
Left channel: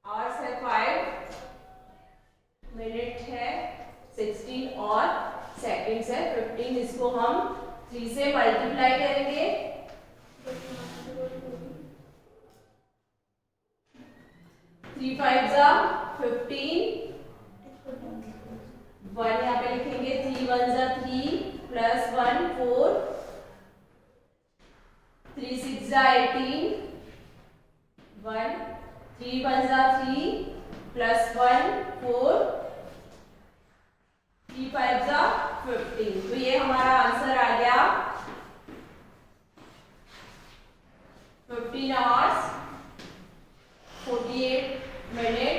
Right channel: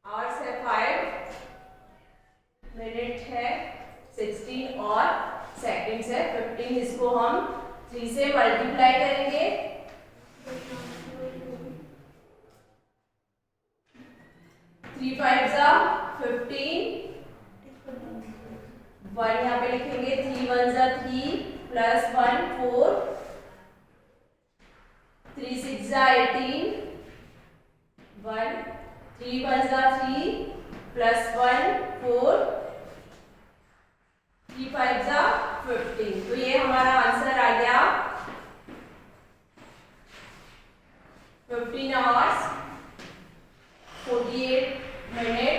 आवर्स है 5, मिनट है 16 और सेकेंड्स है 15। इसको हम 3 से मल्टीप्लाई करेंगे, 3 5 जा 15, 1 यहाँ पे लिखेंगे, 3 1 जा 3 प्लस 1 4, 3 6 जा 18 1, 3 1 जा 3 प्लस 1 4, 3 5 जा 15। तो ये हमारा आंसर आ गया 15 आवर्स 48 मिनट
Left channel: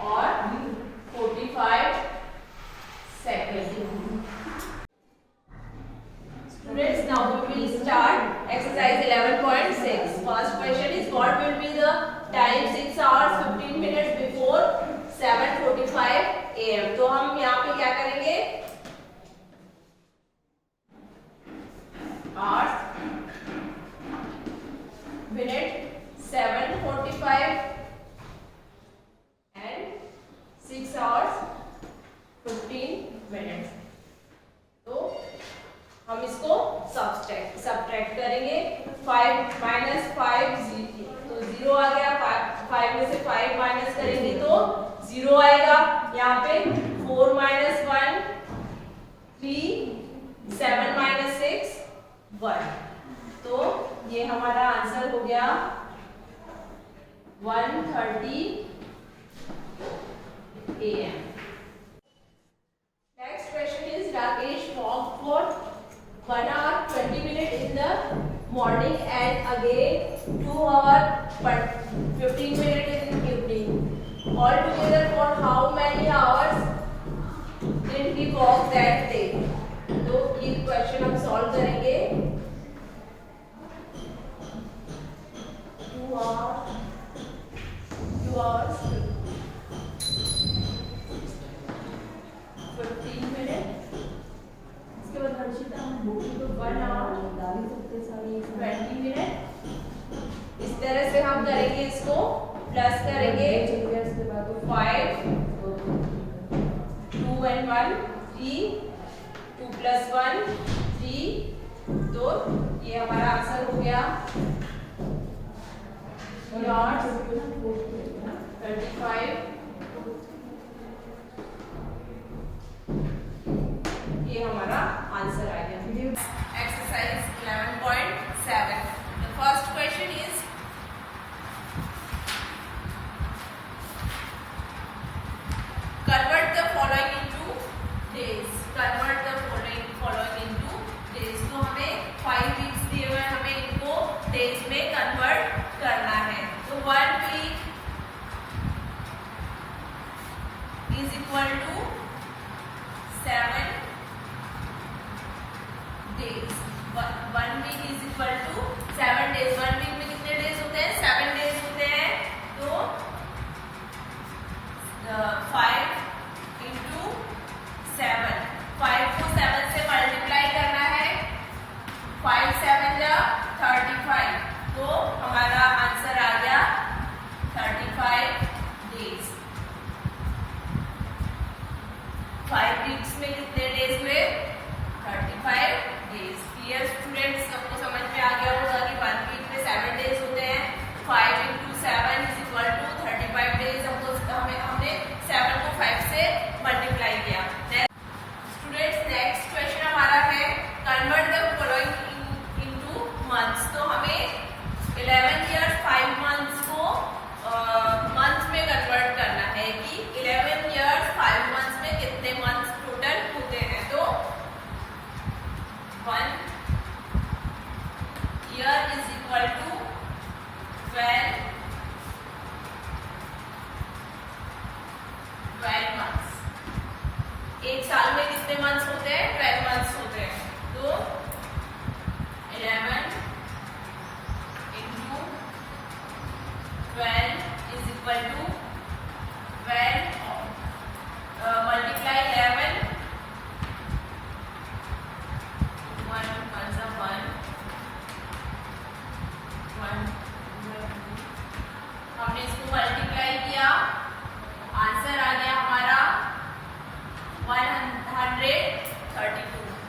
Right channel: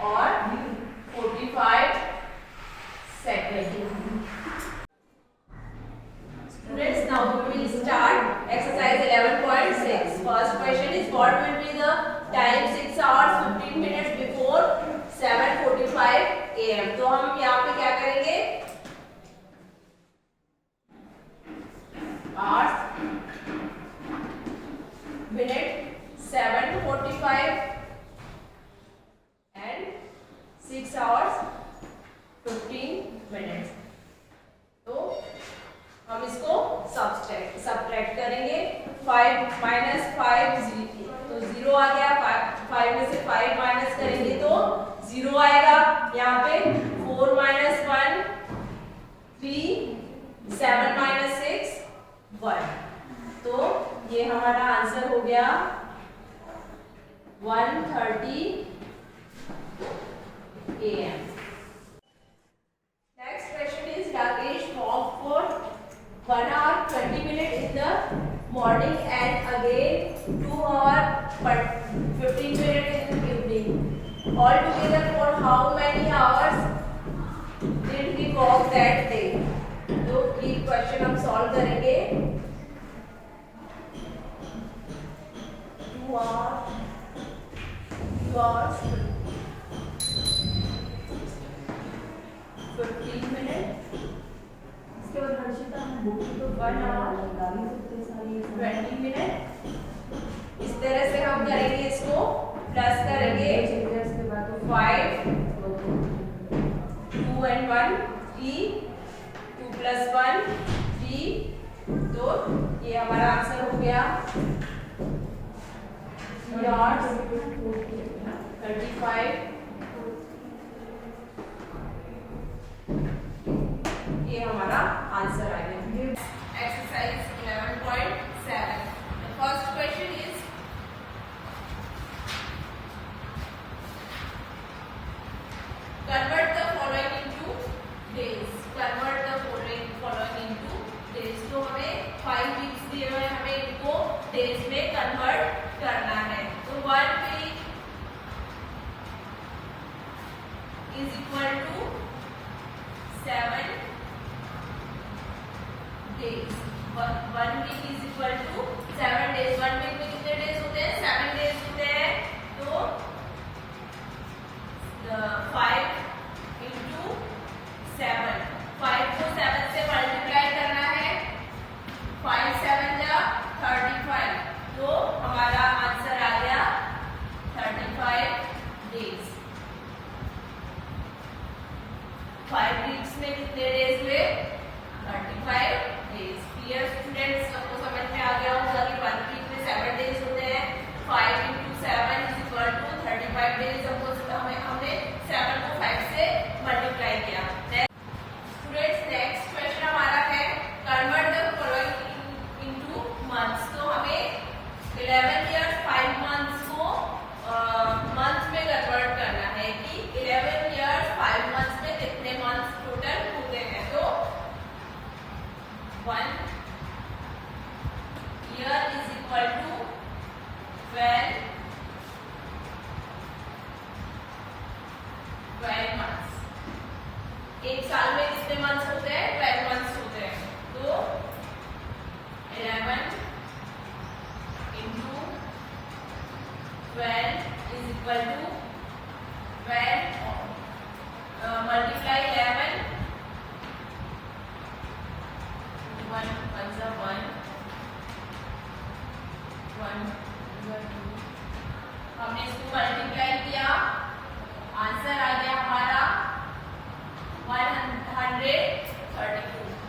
और 45 second. Students, now we will start exercise 11.6. First question is, what will be the time 6 hours 15 minutes before 7:45 AM? तो हम यहाँ पे क्या करेंगे, hours minute 7:45 and 6 hours 15 minutes. तो हम इसको सब्ट्रैक्ट करेंगे, 5 माइनस 5 तो 0 आ गया, 5 में से 5 माइनस करेंगे तो 0 आएगा। यहाँ पे 4 माइनस 1 3, 7 माइनस 6 1। तो ये हमारा आंसर हो गया 1:30 AM. Next question is, Rakesh walked for 1 hour 20 minutes in the morning and again 2 hours but 15 all together for how many hours did he walk that day. तो ये क्वेश्चन हम सॉल्व करेंगे। 2 hours 15 minutes। इसके बाद हर्षिता 1 hour 20 मिनट। इस तरह से हम करेंगे, इसको प्लस करेंगे 5 2 and 1 3 2 plus 1 3। तो ये हमारा आंसर हो गया yards 35। ये हमारा आंसर आ गया। Exercise 11.7। The first question is convert the following into days। convert the following into days। तो हमें 5 weeks दिए हुए हैं, हमें इनको days में कन्वर्ट करना है। तो 1 week is equal to 7 days। 1 week is equal to 7 days। 1 week में कितने डेज होते हैं? 7 डेज होते हैं। तो 5 into 7, 5 को 7 से मल्टीप्लाई करना है। 5 7 जा 35। तो हमारा आंसर आ गया 35 डेज। 5 वीक्स में कितने डेज हुए? 35 डेज। क्लियर स्टूडेंट्स, सबको समझ में आ गया होगा कि 1 वीक में 7 डेज होते हैं। 5 into 7 is equal to 35 days. हमने 7 को 5 से मल्टीप्लाई किया। स्टूडेंट्स, नेक्स्ट क्वेश्चन हमारा है convert the following into months. तो हमें 11 years 5 months को मंथ्स में कन्वर्ट करना है कि 11 years 5 months में कितने मंथ्स टोटल होते हैं। तो 1 year is equal to 12 months। एक साल में कितने मंथ्स होते हैं? 12 मंथ्स होते हैं। तो 11 into 12 is equal to 12 multiply 11 1 1 हमने इसको मल्टीप्लाई किया, आंसर आ गया हमारा 132।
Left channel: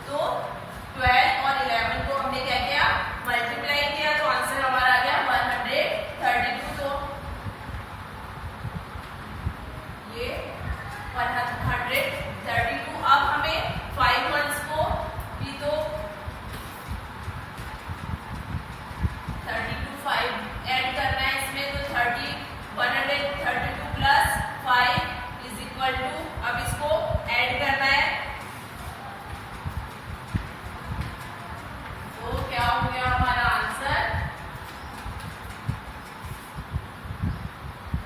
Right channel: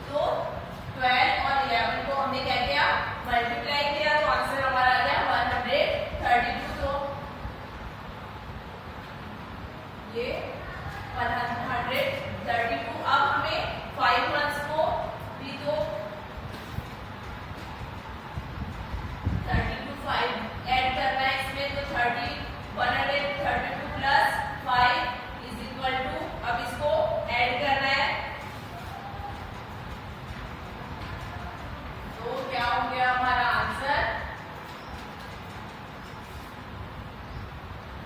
तो 12 और 11 को हमने क्या किया? मल्टीप्लाई किया, तो आंसर हमारा आ गया 132। तो ये 132। अब हमें 5 मंथ्स को भी तो 32 5 ऐड करना है इसमें। तो 132 प्लस 5 इज इक्वल टू, अब इसको ऐड करना है। तो क्या हो गया हमारा आंसर?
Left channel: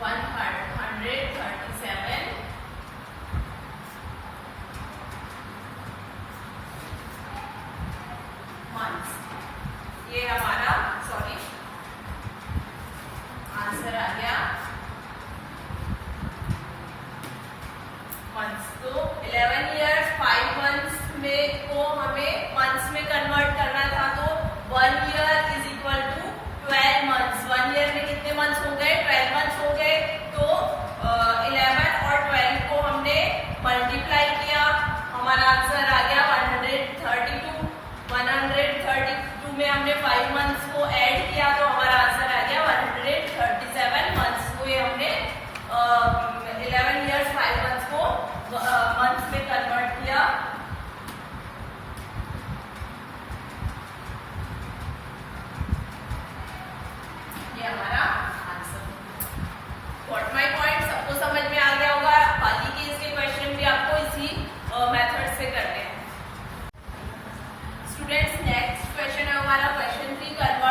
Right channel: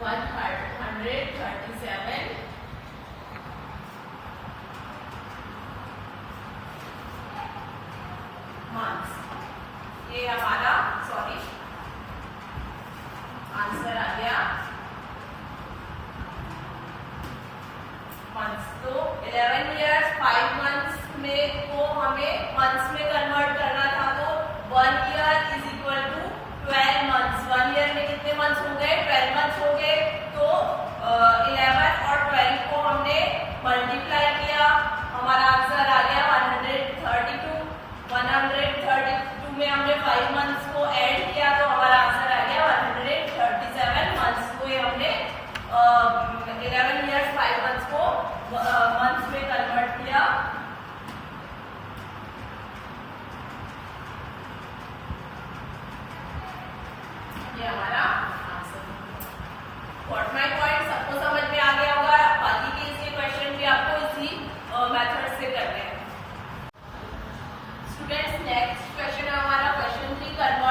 137 मंथ्स। ये हमारा आंसर आ गया मंथ्स। तो 11 years 5 months में को हमें मंथ्स में कन्वर्ट करना था। तो 1 year is equal to 12 months। 1 year में कितने मंथ्स हो गए? 12 मंथ्स हो गए। तो 11 और 12 को हमने मल्टीप्लाई किया, हमारा आंसर आ गया 132। 132 में हमने 5 मंथ्स को ऐड किया, तो हमारा आंसर आ गया 137 मंथ्स। को ये हमने 11 years 5 months को मंथ्स में कन्वर्ट किया। ये हमारा आंसर। व्हाट माय पॉइंट, सबको समझ में आ गया होगा। बाकी के इसके क्वेश्चन भी आपको इसी मेथड से करने हैं। स्टूडेंट्स, नेक्स्ट क्वेश्चन है हमारा क्वेश्चन 3 कन्वर्ट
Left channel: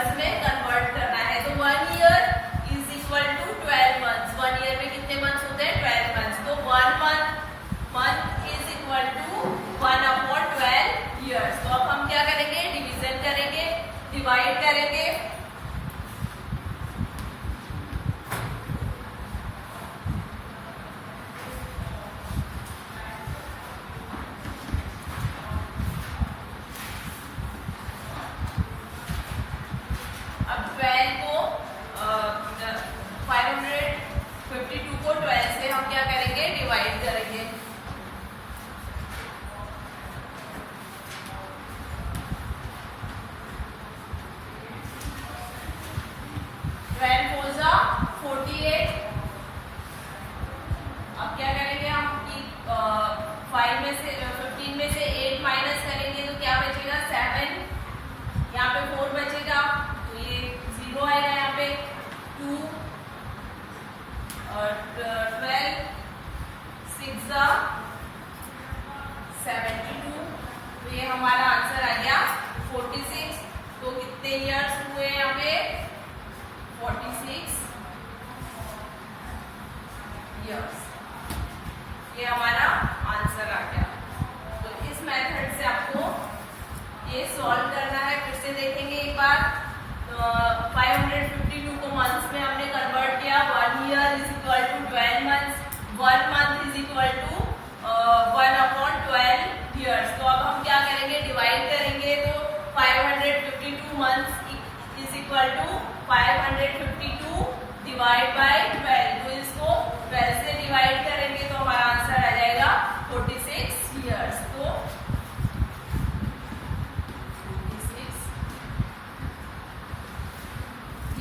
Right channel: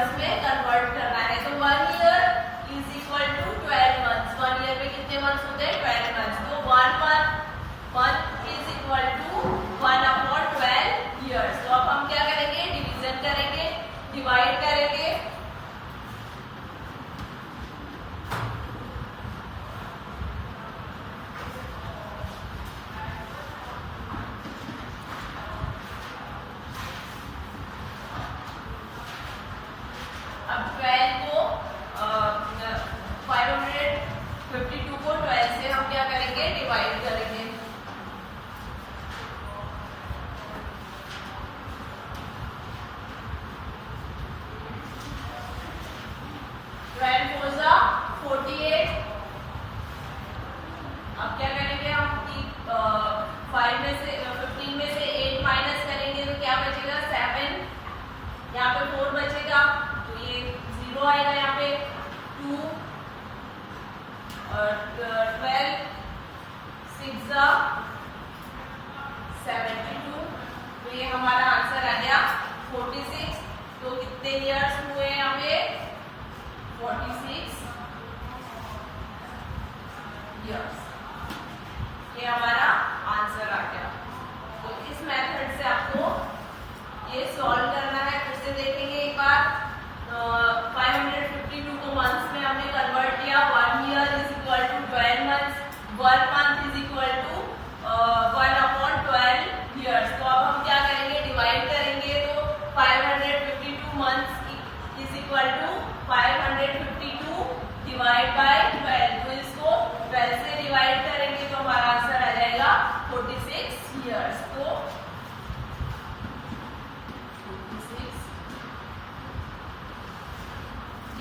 ईयर्स में कन्वर्ट करना है। तो 1 year is equal to 12 months. 1 year में कितने मंथ्स होते हैं? 12 मंथ्स। तो 1 month is equal to 1/12 years. तो अब हम क्या करेंगे? डिवीजन करेंगे, डिवाइड करेंगे। अब 12 को 552 को 12 से हम क्या करेंगे? डिवाइड करेंगे। अब क्या करेंगे हम कि 5 में से 15 में से 8 माइनस करेंगे तो क्या बचेगा? 7। यहाँ पे 4 बचेगा तो ये 0 आएगा। यहाँ पे 2 और 12 6 72। तो ये हमारा आंसर आ गया 46। तो कितने ईयर्स हुए यहाँ पे? 46 ईयर्स। ये हमारा आंसर आ गया। तो इस मेथड से आपको ये सॉल्व करना है। फिर से देखेंगे एक बार। 552 को मंथ्स में हमने कन्वर्ट किया। 1 year is equal to 12 months. 1 month is equal to 1/12 years. तो अब हम क्या करेंगे? डिवाइड करेंगे। तो 552 months is equal to 552 divide by 12। तो इसको 12 से डिवाइड करेंगे तो हमारा आंसर आ जाएगा 46 ईयर्स। तो 46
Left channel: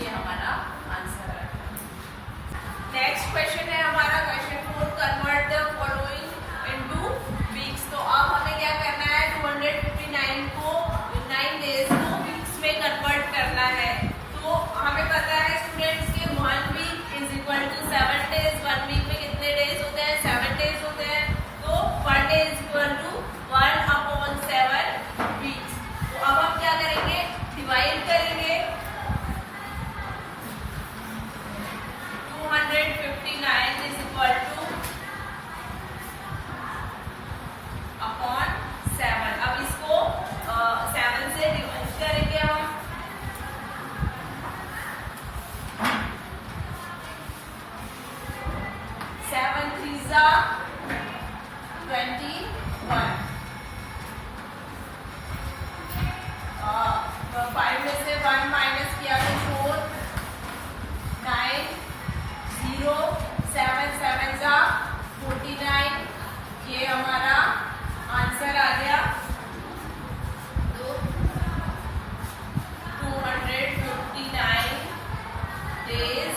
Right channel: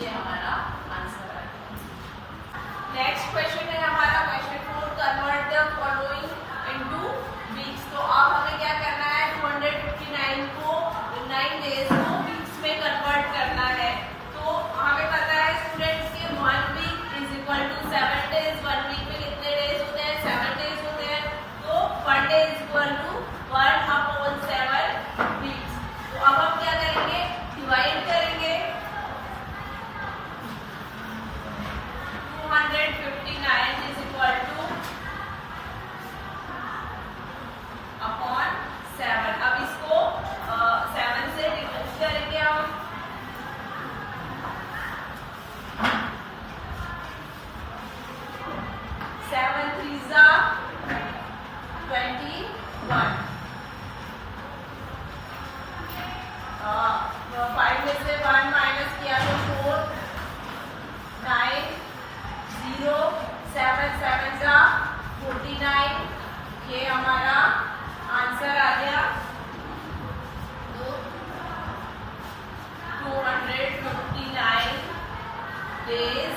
ये हमारा आंसर आ गया। नेक्स्ट क्वेश्चन है हमारा question 4, convert the following into weeks. तो अब हमें क्या करना है? 259 को 9 डेज को वीक्स में कन्वर्ट करना है। तो हमें पता है स्टूडेंट्स के 1 week is equal to 7 days. 1 week में कितने डेज होते हैं? 7 डेज होते हैं। तो 1 day is equal to 1/7 weeks. तो अब हम क्या करेंगे? डिवाइड करेंगे। 259 इज इक्वल टू अपॉन 7। अब इसको 7 से डिवाइड करेंगे हम। सेवन 3 21। 5 में से 1 माइनस किया तो 4 9 0 7 7 49। ये हमारा आंसर आ गया। तो 259 डेज